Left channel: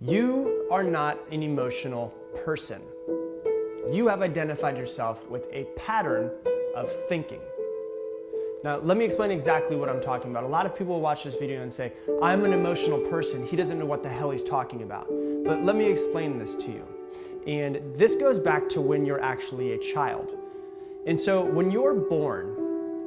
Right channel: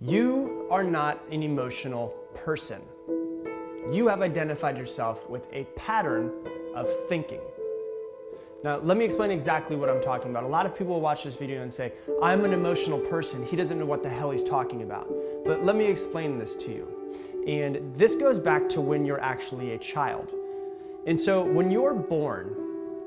You are not an emotional person. You have identified yourself with a pattern of thinking. Now, let me explain exactly what I'm talking about. A lot of people will watch this video and say, I'm an emotional person. He doesn't know what the hell he's talking about. But let me explain this to you. And this goes back to when you're actually a child. And so when you're born,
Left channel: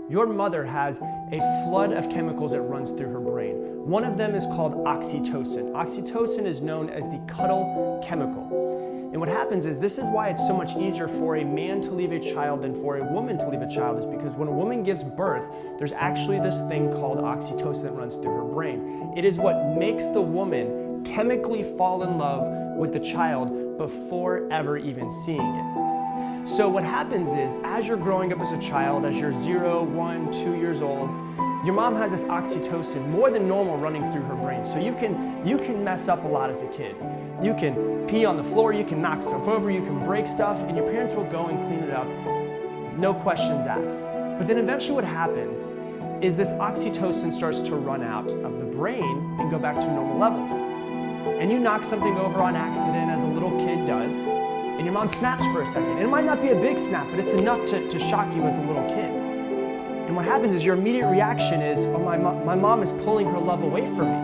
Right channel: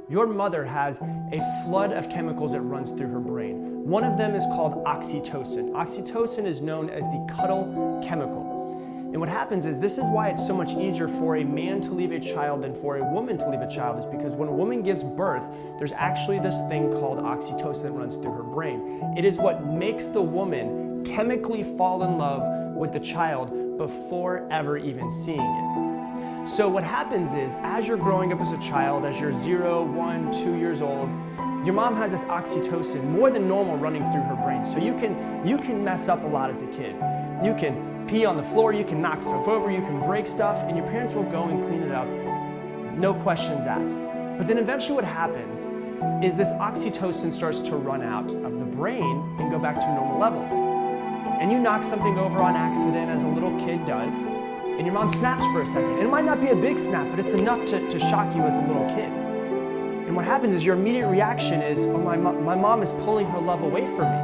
your mother has a flood of chemicals that runs through her brain. One of them is called oxytocin. Oxytocin is known as the cuddle chemical. And what happens is, this is why it's so much easier for a man to leave a child than for a woman to leave a child, is because when a woman gives birth, there's actually this thing called oxytocin that runs through her brain. It is what makes the woman chemically fall in love with the child before ever even seeing it. So what happens is, as you're growing up as a child, as you're 0, 1, 2 years old, your mom has this oxytocin more than normal running through her brain. So you can mess up a lot as a kid. You can pee on the floor, you can knock stuff over, you can break stuff, and your parents will go and clean it up, no questions asked. But then eventually what happens is this oxytocin starts to run out of the brain and go back to normal levels. And you knock something over on accident, as a little kid does, and your mom snaps for a second. And it might not be a big snap, but it's enough to shock you as a little kid. And what happens is, your immediate reaction is, oh, my mom is pulling her love away from me.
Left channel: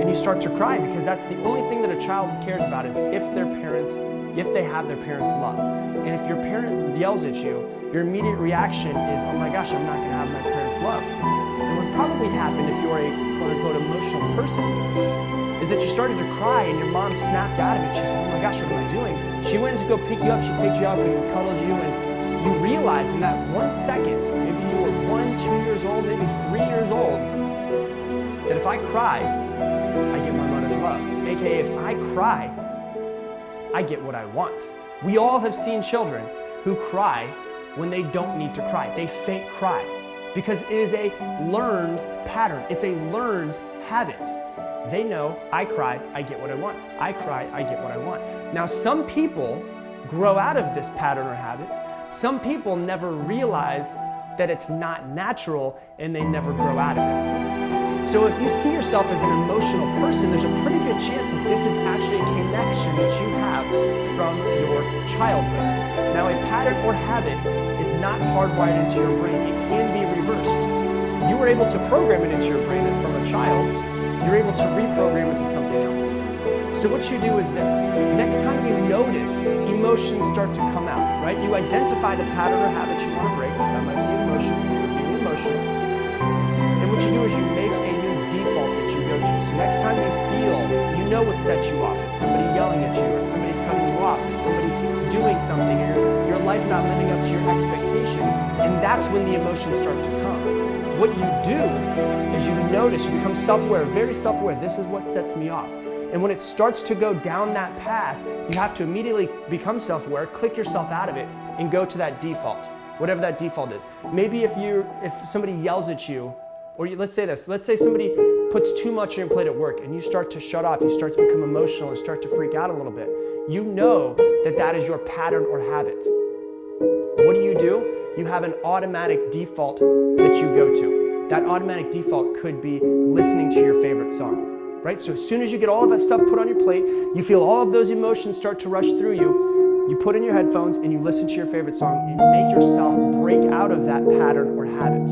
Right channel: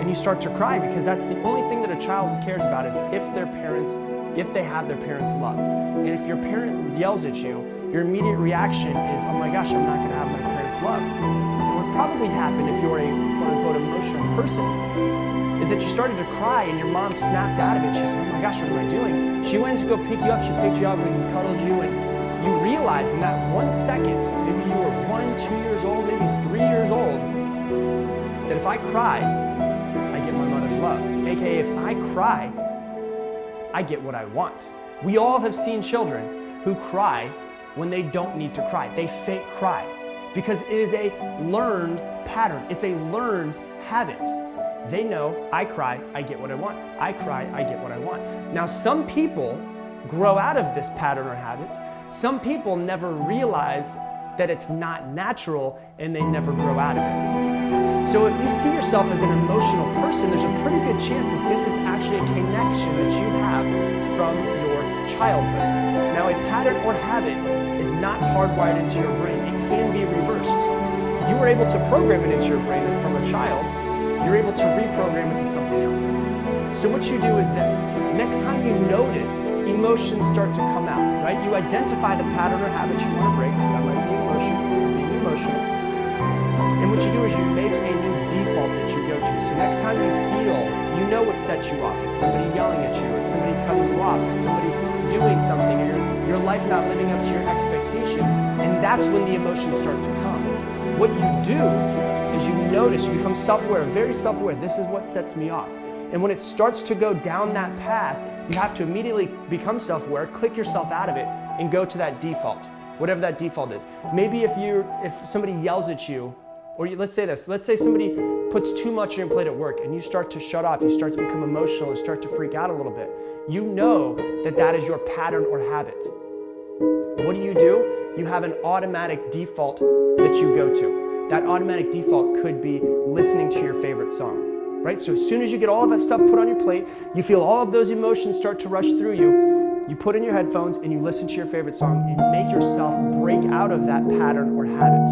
And you start to cry, because that's the only thing that a child cares about, is if they have their parents' love. And if your parent yells at you, your immediate reaction is, oh my gosh, I'm not gonna have my parents' love. And what probably happened, if you're a quote-unquote emotional person, is that you started to cry and your mom snapped out of it. She said, oh my gosh, what am I doing? She went to go pick you up, she picked you up and cuddled you, and you realized in that 1 second, maybe you were 1, 2 years old, maybe 3 years old, that if I cry, I get my mother's love. AKA, if I cry, I get what I want. We all have seen children who cry when they don't need to cry. They fake cry because it is a learned pattern. It's a learned habit. They know, I cry, I get what I want. I cry, I get what I want. Now, some people grow out of this pattern or habit. Some people never realize that it's not natural and they never grow out of it. So if you see yourself as an emotional person, there's a pretty good chance that this is actually a connection that you have from your childhood. Now, a pattern or habit is not hardwired into your brain. It can be reversed. You were able to program it into your brain, and from a child, you're able to reprogram it to something else. So what you do is this. Next time you notice emotions start to come out, right? You identify the pattern or habit you want to break. That might be emotions or being emotional. And what you do is you make a new default that you go to. So next time you feel, you know what sets you off. It's somebody yelling at you, or it's somebody cutting you off, it's somebody doing something, or your life not living up to your expectation. And that's when the emotions start to come. What you do is you notice, you become self-aware, very self-aware. This is what sets me off. And when it starts to go down that path, you have to immediately become self-aware, click yourself out of it, and go to that default, whatever that default is. Maybe if somebody yells at you, or let's say this, let's say somebody puts too much on your plate at work and you start to shut off, you start to become emotional, you start to freak out a little bit. You know that that is your pattern or habit. What do? You have an automatic default that you go to. That automatic default could be listening to your favorite song, right? So as soon as you get all of that stuff put on your plate, you feel all of those emotions start to rush through you, you put in your headphones and you listen to your favorite song and make yourself break out of that pattern or habit.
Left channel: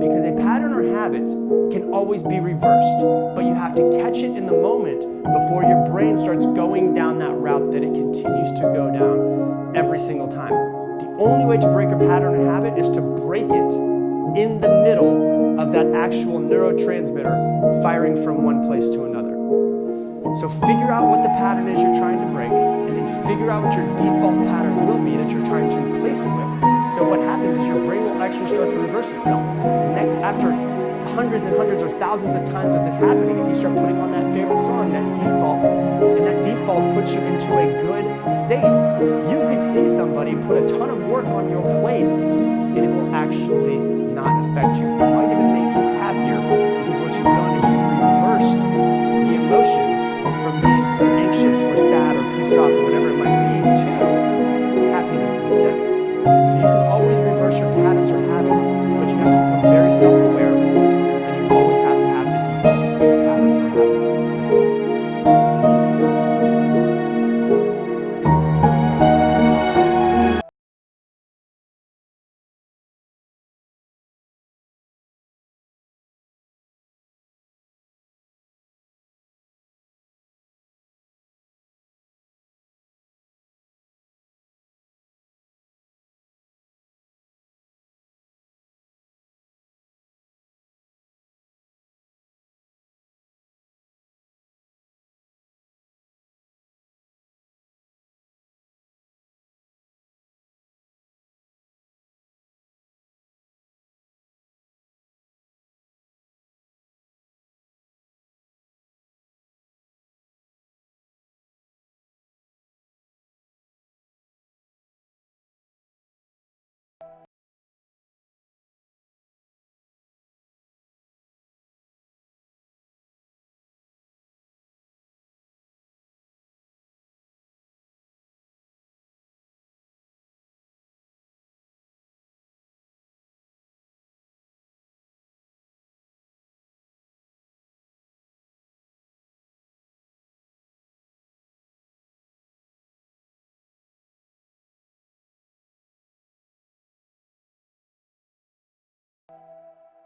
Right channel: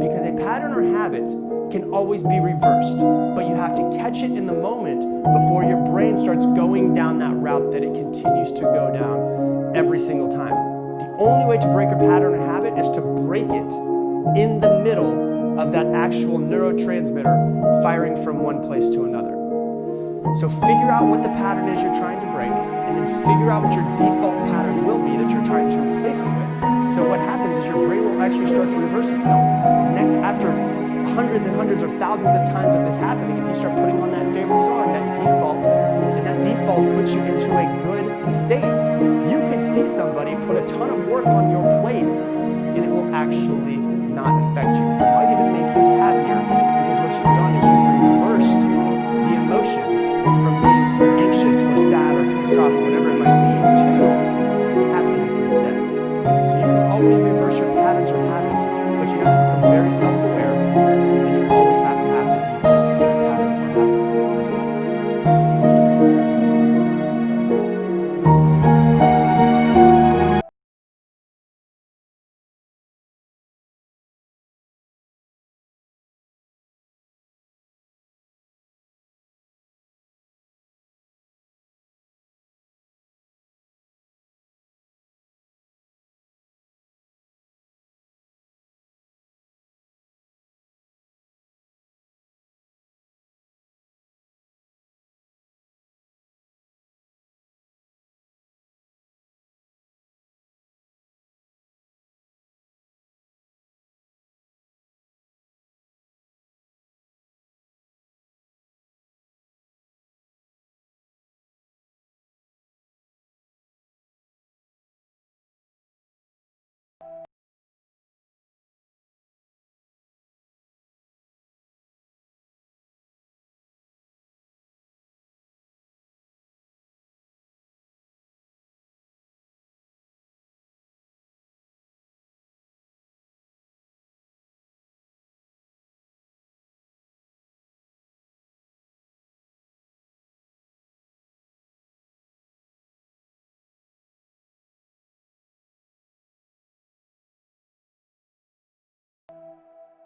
Because a pattern or habit can always be reversed, but you have to catch it in the moment before your brain starts going down that route that it continues to go down every single time. The only way to break a pattern or habit is to break it in the middle of that actual neurotransmitter firing from one place to another. So figure out what the pattern is you're trying to break, and then figure out what your default pattern will be that you're trying to replace it with. So what happens is your brain will actually start to reverse itself. After hundreds and hundreds or thousands of times of this happening, if you start putting on that favorite song, that default, and that default puts you into a good state, you could see somebody put a ton of work on your plate and it will actually not affect you. It might even make you happier, because what you've done is you've reversed the emotions from being